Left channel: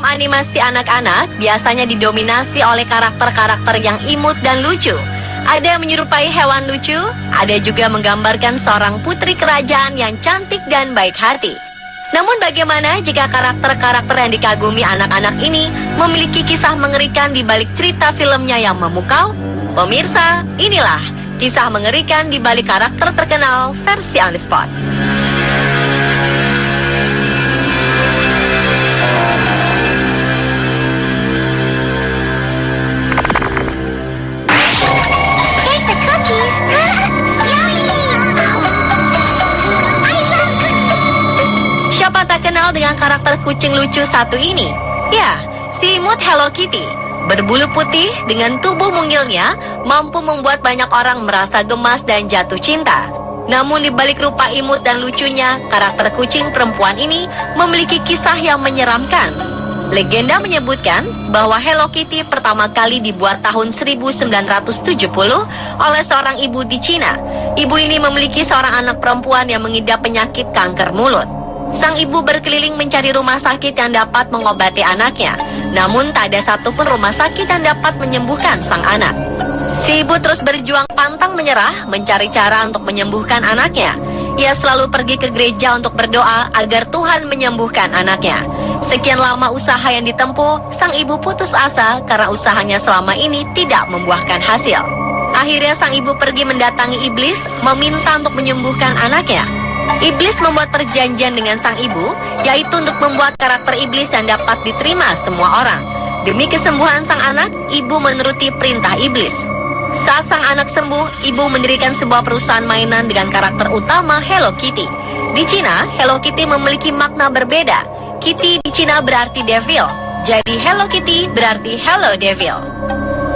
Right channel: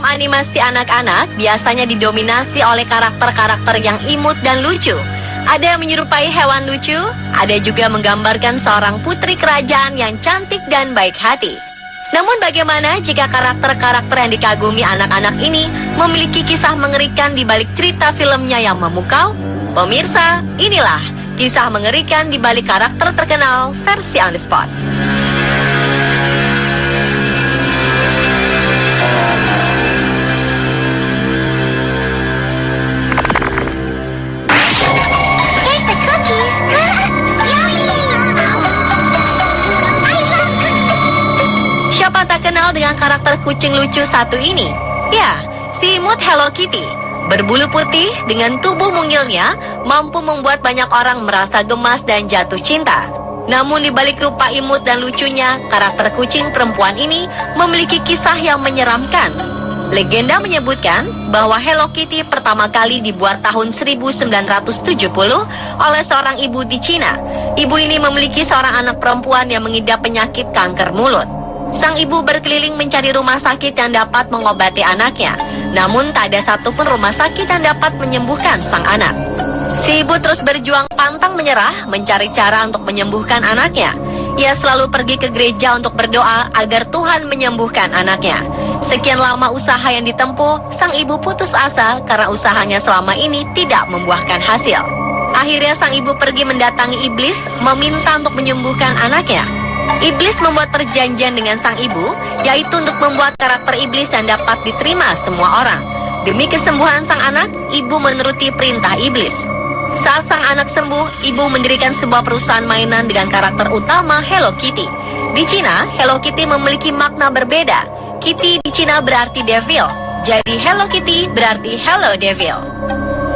Film animasi anak-anak biasanya didominasi oleh karakter-karakter yang imut dan lucu. Ada yang menyerupai hewan lucu, ada juga menggambarkan seorang putri kerajaan yang cantik dan baik hati. Namun bagaimana jika karakter-karakter yang dikagumi anak-anak ini memiliki kisah mengerikan di balik cerita filmnya yang memukau? Pemirsa, inilah kisah mengerikan di balik karakter terkenal versi On The Spot. Here's the cookies. Siapa tak kenal dengan karakter kucing lucu satu ini? Ya, si imut Hello Kitty. Berbulu putih dengan tubuh mungilnya mampu membuat banyak orang merasa gemas dan jatuh cinta. Namun di balik rupa imut dan lucunya, karakter kucing perempuan ini memiliki kisah yang menyeramkan. Legenda menyebutkan bahwa Hello Kitty pertama kali dibuat tahun 1970 oleh seorang ibu di Cina. Ibu ini memiliki seorang anak perempuan yang mengidap penyakit kanker mulut. Sang ibu berkeliling mencari rumah sakit yang dapat mengobati anaknya. Namun tak ada satupun rumah sakit yang dapat menyembuhkan sang anak. Si ibu terus berjuang pantang menyerah mencari cara untuk menyembuhkan anaknya. Ia selalu pergi ke gereja untuk berdoa agar Tuhan menyembuhkan anaknya. Sekian lama usaha yang ditempuh, sang ibu putus asa karena usahanya selama ini tidak membuahkan hasil. Akhirnya sang ibu pergi mendatangi iblis meminta untuk menyembuhkan anaknya. Iblis membuat perjanjian dengan sang ibu, yaitu untuk membuat karakter iblis yang dapat diterima semua orang. Demi kesembuhan sang anak, ibu menuruti perintah iblis. Saat sang anak sembuh, ibu mendirikan sebuah perusahaan mainan dengan karakter utama Hello Kitty. Di Cina, Hello Kitty memiliki makna berbeda. Kitty di Cina berarti devil, jadi Hello Kitty berarti Hello Devil.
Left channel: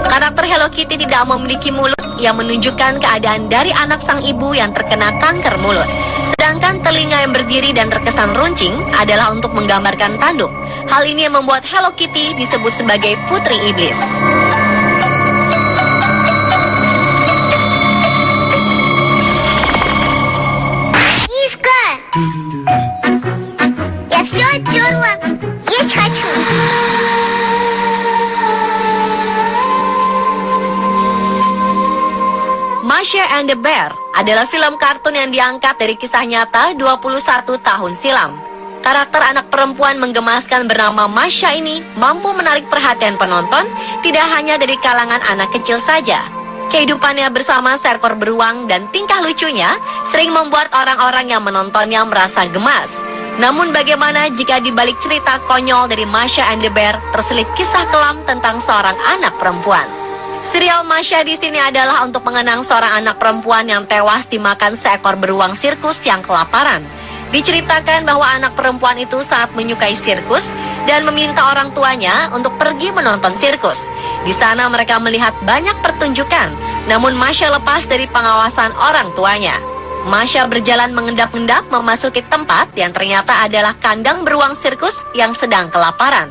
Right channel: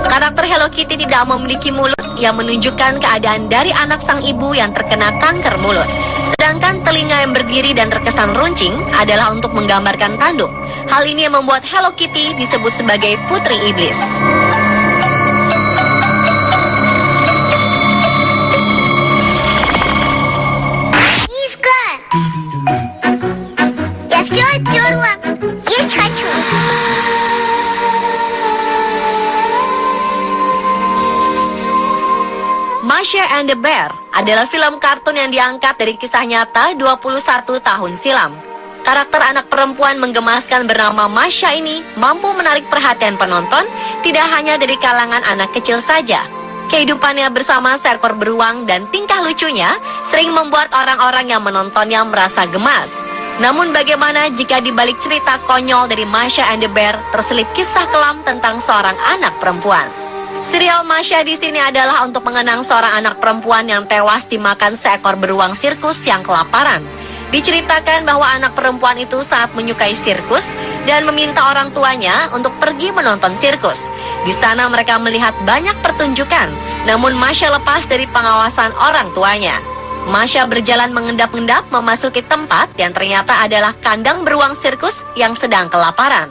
Karakter Hello Kitty tidak memiliki mulut yang menunjukkan keadaan dari anak sang ibu yang terkena kanker mulut. Sedangkan telinga yang berdiri dan terkesan runcing adalah untuk menggambarkan tanduk. Hal ini membuat Hello Kitty disebut sebagai putri iblis. Мишка! Я все оттерла. Есть хочу. Masha and the Bear adalah film kartun yang diangkat dari kisah nyata 21 tahun silam. Karakter anak perempuan menggemaskan bernama Masha ini mampu menarik perhatian penonton tidak hanya dari kalangan anak kecil saja. Kehidupannya bersama seekor beruang dan tingkah lucunya sering membuat orang-orang yang menontonnya merasa gemas. Namun bagaimana jika di balik cerita konyol dari Masha and the Bear terselip kisah kelam tentang seorang anak perempuan? Serial Masha di sini adalah untuk mengenang seorang anak perempuan yang tewas dimakan seekor beruang sirkus yang kelaparan. Diceritakan bahwa anak perempuan itu saat menyukai sirkus dan meminta orang tuanya untuk pergi menonton sirkus. Di sana mereka melihat banyak pertunjukan, namun Masha lepas dari pengawasan orang tuanya. Masha berjalan mengendap-endap memasuki tempat yang ternyata adalah kandang beruang sirkus yang sedang kelaparan.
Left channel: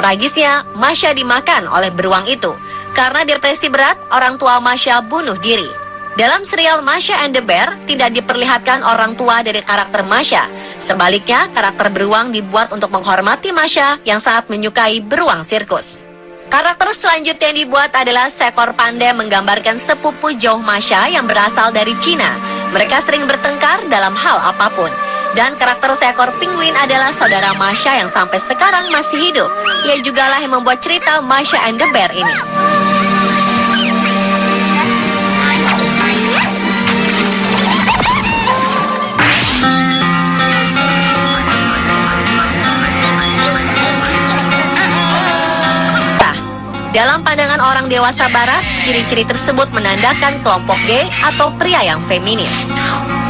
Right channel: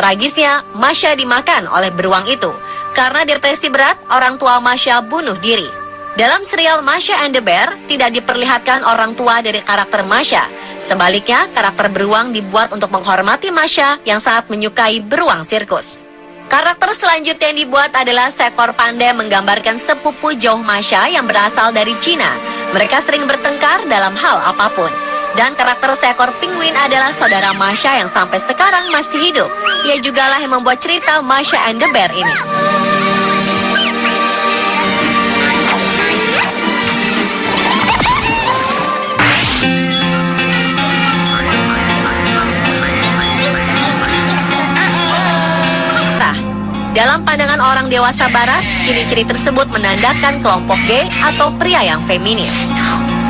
Tragisnya, Masha dimakan oleh beruang itu. Karena depresi berat, orang tua Masha bunuh diri. Dalam serial Masha and the Bear, tidak diperlihatkan orang tua dari karakter Masha. Sebaliknya, karakter beruang dibuat untuk menghormati Masha yang sangat menyukai beruang sirkus. Karakter selanjutnya yang dibuat adalah seekor panda menggambarkan sepupu jauh Masha yang berasal dari Cina. Mereka sering bertengkar dalam hal apapun. Dan karakter seekor penguin adalah saudara Masha yang sampai sekarang masih hidup. Ia jugalah yang membuat cerita Masha and the Bear ini. Dalam pandangan orang dewasa barat, ciri-ciri tersebut menandakan kelompok gay atau pria yang feminin.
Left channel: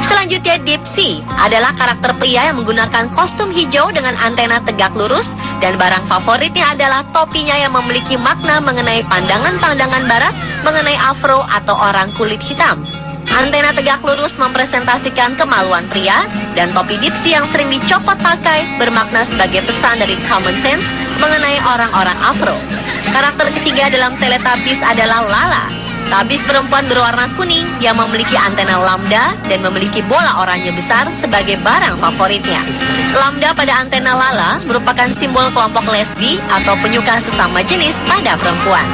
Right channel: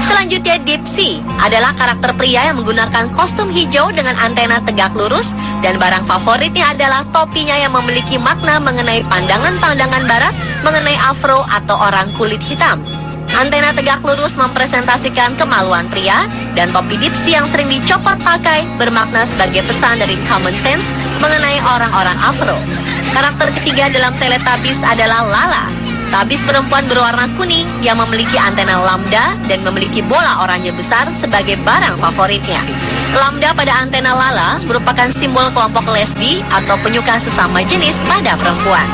Selanjutnya, Dipsy adalah karakter pria yang menggunakan kostum hijau dengan antena tegak lurus dan barang favoritnya adalah topinya yang memiliki makna mengenai pandangan-pandangan barat mengenai afro atau orang kulit hitam. Antena tegak lurus mempresentasikan kemaluan pria dan topi Dipsy yang sering dicopot pakai bermakna sebagai pesan dari common sense mengenai orang-orang afro. Karakter ketiga dalam Teletubbies adalah Lala. Tabis perempuan berwarna kuning yang memiliki antena lambda dan memiliki bola oranye besar sebagai barang favoritnya. Lambda pada antena Lala merupakan simbol kelompok lesbi atau penyuka sesama jenis pada perempuan.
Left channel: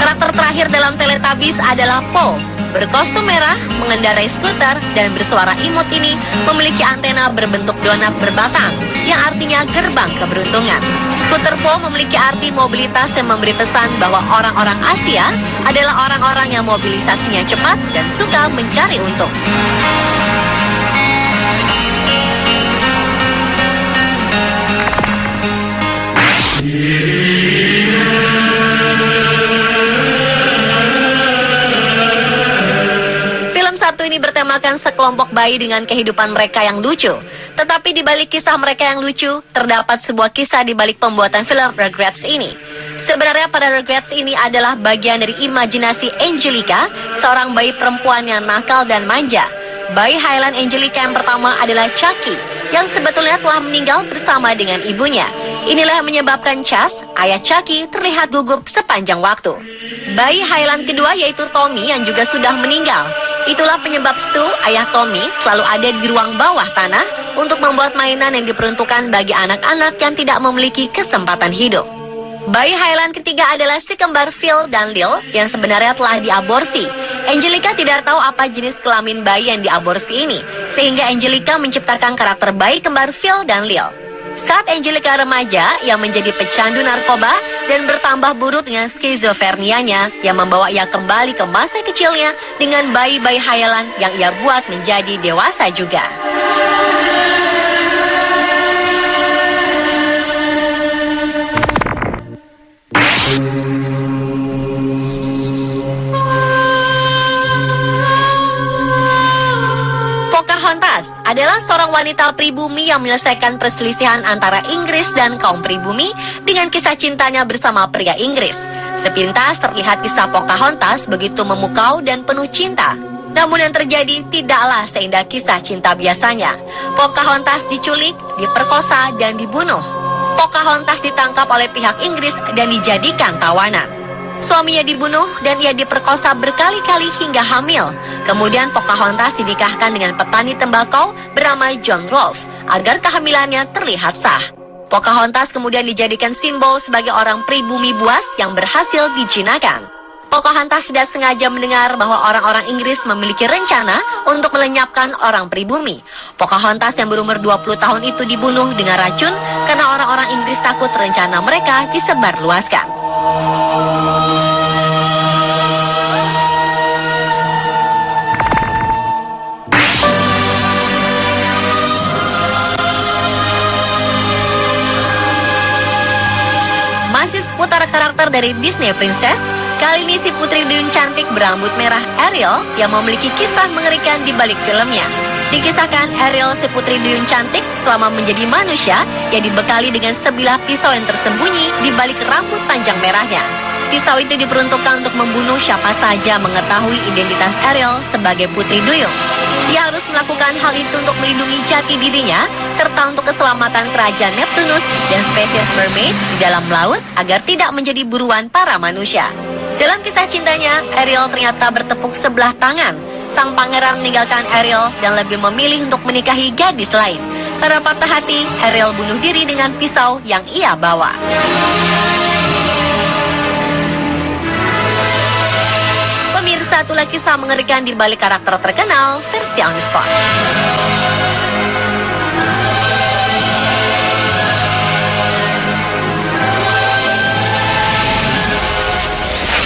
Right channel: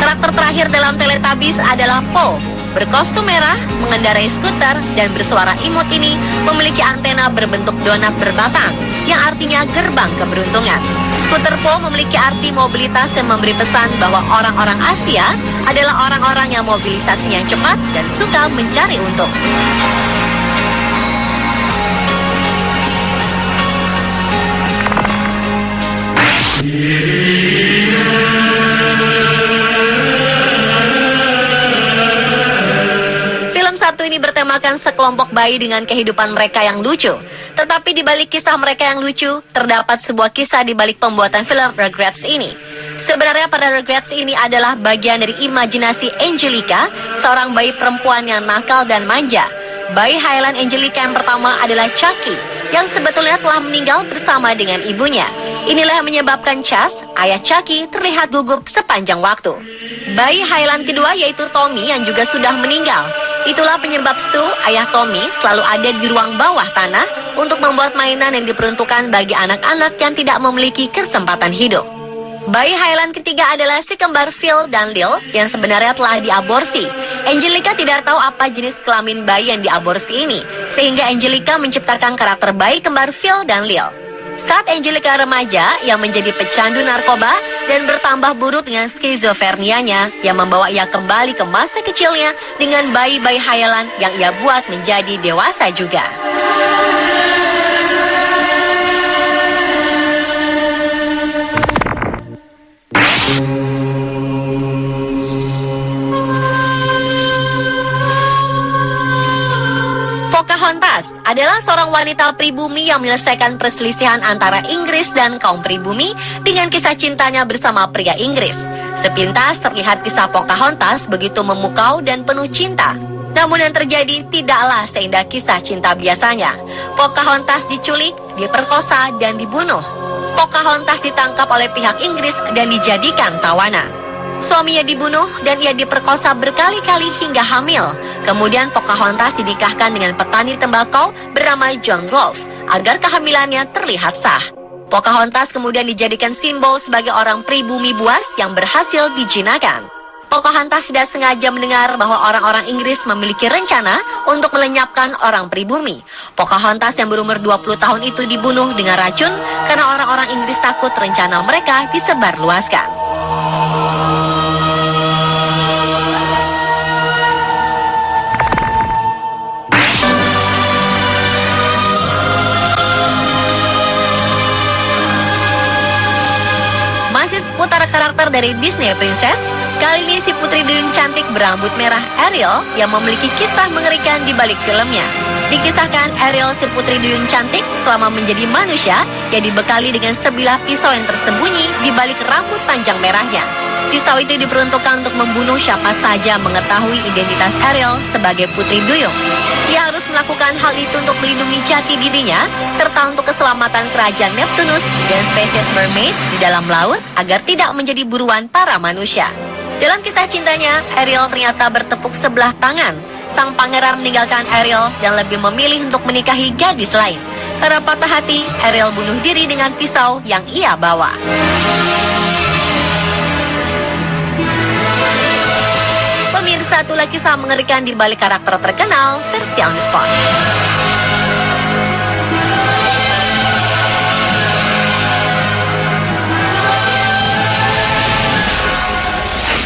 Karakter terakhir dalam Teletubbies adalah Po. Berkostum merah, mengendarai skuter, dan bersuara imut ini memiliki antena berbentuk donat berbatang, yang artinya gerbang keberuntungan. Skuter Po memiliki arti mobilitas dan memberi pesan bahwa orang-orang Asia adalah orang-orang yang mobilisasinya cepat dan suka mencari untung. Satu ini bertemakan sekelompok bayi dengan kehidupan mereka yang lucu. Tetapi di balik kisah mereka yang lucu, terdapat sebuah kisah di balik pembuatan film Rugrats ini. Sebenarnya pada Rugrats ini adalah bagian dari imajinasi Angelica, seorang bayi perempuan yang nakal dan manja. Bayi Highland Angelica yang pertama adalah Chucky, yang sebetulnya telah meninggal bersama dengan ibunya. Inilah yang menyebabkan Chas, ayah Chucky, terlihat gugup sepanjang waktu. Bayi Highland kedua yaitu Tommy yang juga sudah meninggal. Itulah penyebab Stu, ayah Tommy, selalu ada di ruang bawah tanah untuk membuat mainan yang diperuntukkan bagi anak-anak yang tidak memiliki kesempatan hidup. Bayi Highland ketiga adalah si kembar Phil dan Lil yang sebenarnya telah diaborsi. Angelica tidak tahu apa jenis kelamin bayi yang diaborsi ini, sehingga Angelica menciptakan karakter bayi kembar Phil dan Lil. Saat Angelica remaja, ia menjadi pecandu narkoba dan bertambah buruk dengan skizofrenianya yang membawa ia kembali ke masa kecilnya dengan bayi-bayi hayalan yang ia buat menjadi dewasa juga. Pocahontas adalah seorang wanita pribumi yang menyelesaikan perselisihan antara Inggris dan kaum pribumi dengan kisah cintanya bersama pria Inggris. Sepintas terlihat kisah Pocahontas begitu memukau dan penuh cinta. Namun yang terjadi tidaklah seindah kisah cinta biasanya. Pocahontas diculik, diperkosa, dan dibunuh. Pocahontas ditangkap oleh pihak Inggris dan dijadikan tawanan. Suaminya dibunuh dan ia diperkosa berkali-kali hingga hamil. Kemudian Pocahontas dinikahkan dengan petani tembakau bernama John Rolfe agar kehamilannya terlihat sah. Pocahontas kemudian dijadikan simbol sebagai orang pribumi buas yang berhasil dijinakan. Pocahontas tidak sengaja mendengar bahwa orang-orang Inggris memiliki rencana untuk melenyapkan orang pribumi. Pocahontas yang berumur 20 tahun itu dibunuh dengan racun karena orang-orang Inggris takut rencana mereka disebarluaskan. Masih seputar karakter dari Disney Princess, kali ini si putri duyung cantik berambut merah Ariel yang memiliki kisah mengerikan di balik filmnya. Dikisahkan Ariel si putri duyung cantik selama menjadi manusia yang dibekali dengan sebilah pisau yang tersembunyi di balik rambut panjang merahnya. Pisau itu diperuntukkan untuk membunuh siapa saja mengetahui identitas Ariel sebagai putri duyung. Dia harus melakukan hal itu untuk melindungi jati dirinya serta untuk keselamatan kerajaan Neptunus dan spesies mermaid di dalam laut agar tidak menjadi buruan para manusia. Dalam kisah cintanya, Ariel ternyata bertepuk sebelah tangan. Sang pangeran meninggalkan Ariel dan lebih memilih untuk menikahi gadis lain. Karena patah hati, Ariel bunuh diri dengan pisau yang ia bawa. Pemirsa, itulah kisah mengerikan di balik karakter terkenal versi on the spot.